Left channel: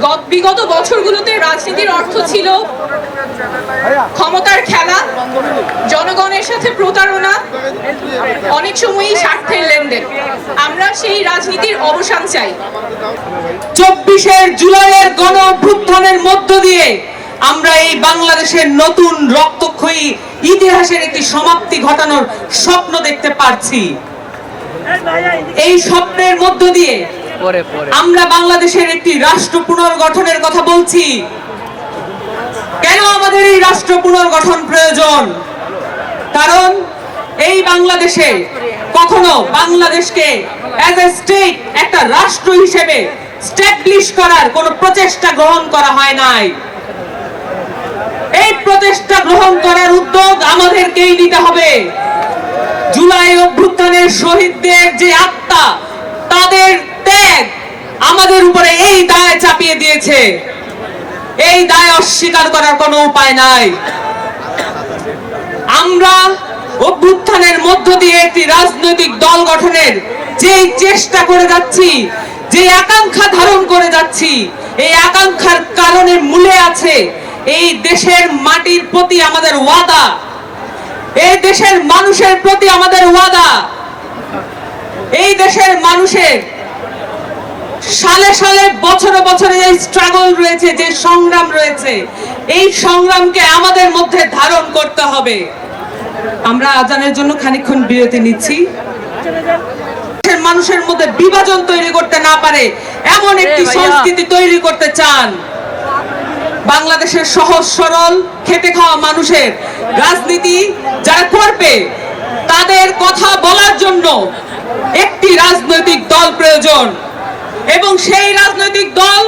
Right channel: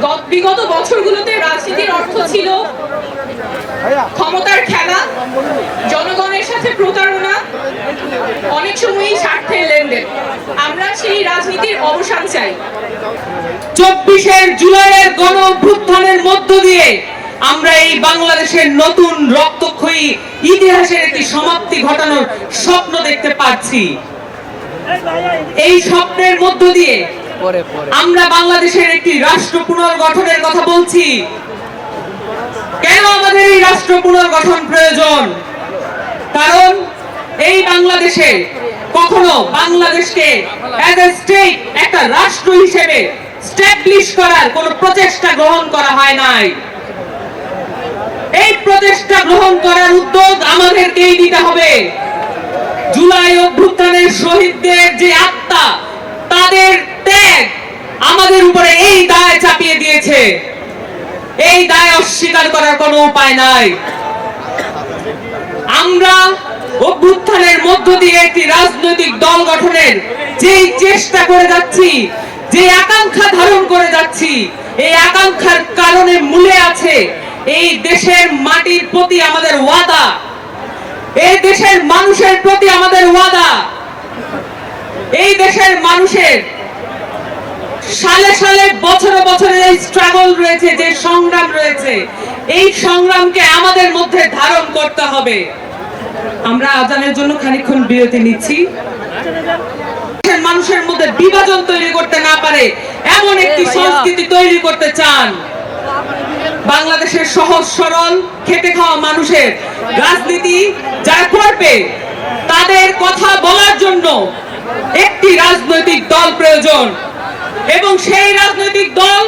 গ- বিগত বছরগুলোতে রাজনীতির অর্থ ছিল ক্ষমতার খেলা, জনগণের সাথে প্রতারণা, অনেক সময়ই স্বার্থের লেনদেন। আমরা সেই রাজনীতির অবসান চাই। চব্বিশের জুলাইয়ের গণ অভ্যুত্থানের মধ্য দিয়ে আমরা এই বাংলাদেশের নতুন রক্তক্ষয়ী ইতিহাসের একটি সমাপ্তি ঘটানোর স্বপ্ন দেখতে পাচ্ছি। এই স্বপ্নের মধ্য দিয়ে আমরা বাংলাদেশের একটি রাষ্ট্র পুনর্গঠনের কথা বলছি। কেন আমাদের এই রাষ্ট্র পুনর্গঠন প্রয়োজন? কারণ এই বাংলাদেশে কখনো বাংলাদেশকে অ্যাজ এ স্টেট একটা রাষ্ট্র হিসেবে স্ট্যাবলিশ করার কোনো প্রচেষ্টা গ্রহণ করা হয় নাই। এই প্রচেষ্টা গ্রহণ করার উদ্যোগ আমাদেরকেই নিতে হবে। জুলাই অভ্যুত্থানের শহীদদের যে আত্মা, তাদের ত্যাগ আমাদের উপরে এই দায় চাপিয়ে দিয়েছে। এই দায় অস্বীকার করার কোনো উপায় নাই। আমরা অভ্যুত্থানের মধ্য দিয়ে একটি রাজনৈতিক দল গঠনের যেই চেষ্টা করে যাচ্ছি, যে আকাঙ্ক্ষা ধারণ করে যাচ্ছি, এই আকাঙ্ক্ষার কারণে মূলে আছে এই দেশের মাটির প্রতি আমাদের ওয়াদা। এই দেশের মানুষের প্রতি আমাদের ওয়াদা। এই দেশের মানুষের সালে সালে বছরে বছরে এই স্ট্রাগল রয়েছে যে সংগ্রাম রয়েছে এই সংগ্রামকে আমাদের মধ্যে ধারণ করতে হবে। আমরা আজানের জন্য খানিকক্ষণ বিরতি নিচ্ছি। মানুষের মধ্যে বিভাজন তৈরি করতে না পারে এমন একটি সংস্কৃতি তৈরি করতে চান। বাংলাদেশের সহজ সরল খেটে খাওয়া মানুষের রাজনীতি যারা করবে তাদের কথা বলার জন্য একটি রাজনৈতিক দল প্রয়োজন। এবং সেই রাজনৈতিক দল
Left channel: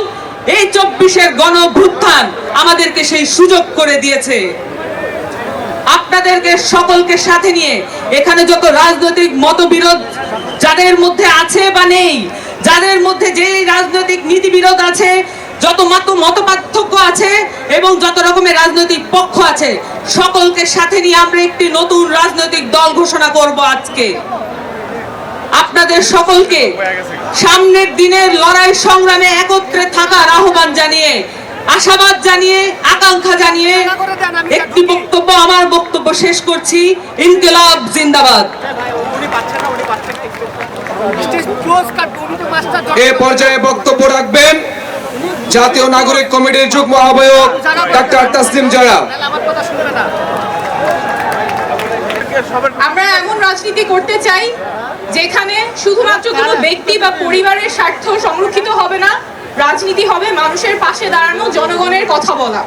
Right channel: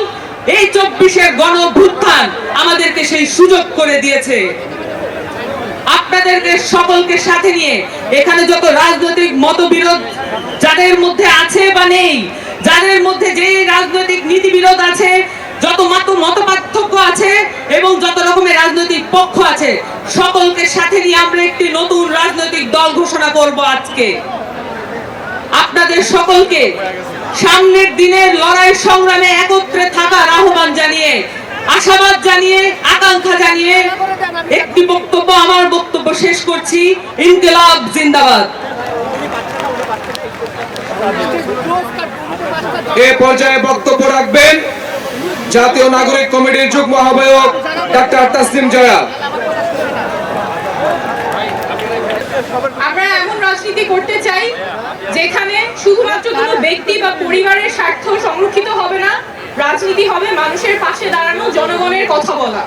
এই চব্বিশের গণ আমাদেরকে সেই সুযোগ করে দিয়েছে। আপনাদেরকে সকলকে সাথে নিয়ে এখানে যত রাজনৈতিক মতবিরোধ যাদের মধ্যে আছে বা নেই, যাদের মধ্যে যে রাজনৈতিক নীতিবিরোধ আছে, যত মত মত পার্থক্য আছে এবং যত রকমের রাজনৈতিক পক্ষ আছে, সকলকে সাথে নিয়ে আমরা একটি নতুন রাজনৈতিক দল ঘোষণা করব আজকে। আপনাদের সকলকে সামনের দিনের লড়াই সংগ্রামে একত্রে থাকার আহ্বান জানিয়ে, আশাবাদ জানিয়ে, আকাঙ্ক্ষা জানিয়ে একটি বক্তব্য আমার বক্তব্য শেষ করছি, ইনকিলাব জিন্দাবাদ। এ পর্যায়ে বক্তব্য রাখবেন জাতীয় নাগরিক কমিটির যুগ্ম আহ্বায়ক ডাক্তার তাসলিম জয়া। আমরা এমন রাজনীতি করতে চাই যেখানে শুধুমাত্র কোনো ব্যক্তি বা পরিবারের স্বার্থ সংরক্ষিত হবে না, রাজনীতি হবে মানুষের পাশে দাঁড়ানো, জনগণের কথা বলা।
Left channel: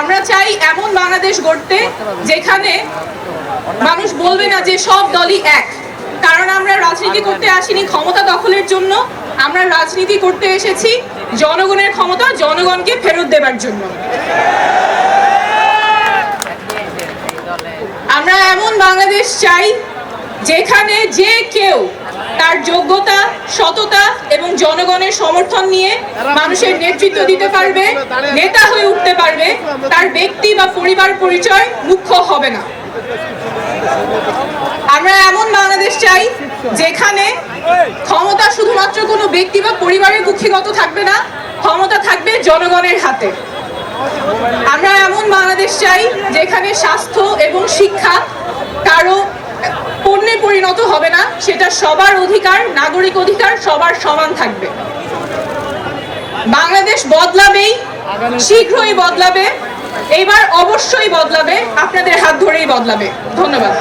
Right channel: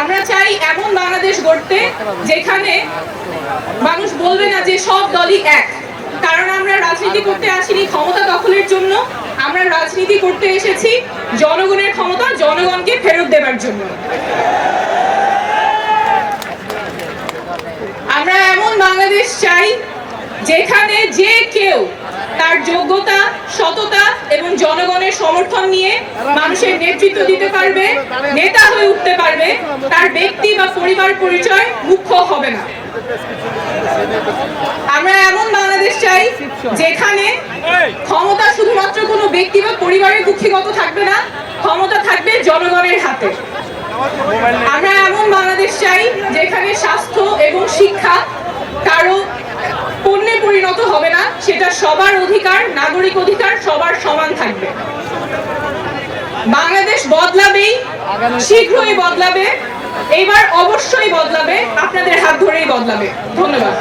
আমরা চাই এমন বাংলাদেশ গড়তে যেখানে মানুষ বলবে না যে সব দলই এক। কারণ আমরা রাজনীতি করতে আসিনি ক্ষমতা দখলের জন্য, আমরা রাজনীতি করতে এসেছি জনগণের ক্ষমতা, জনগণকে ফেরত দেবার জন্য। আমরা এমন বাংলাদেশ চাই যেখানে যে কেউ তার যোগ্যতা, সততা এবং জনগণের সমর্থন নিয়ে মানুষের নেতৃত্ব দিতে পারবে, নেতা হয়ে উঠতে পারবে, তার ব্যক্তি বা পরিবার পরিচয় মুখ্য হবে না। আমরা এমন বাংলাদেশ চাই যেখানে ক্ষমতা শুধুমাত্র কোনো ব্যক্তি বা পরিবারের কুক্ষিগত থাকবে না, ক্ষমতা থাকবে জনগণের হাতে। আমরা এমন বাংলাদেশ চাই যেখানে স্বাস্থ্য এবং শিক্ষা কারও পণ্যে পরিণত হবে না, সেটা সবার অধিকার, নাগরিক অধিকার, সবার সমান থাকবে। বাংলাদেশ বদলাবেই, শীঘ্রই বদলাবে, এবার অবশ্যই বদলাবে, আপনাদের হাত ধরেই বদলাবে। ধন্যবাদ।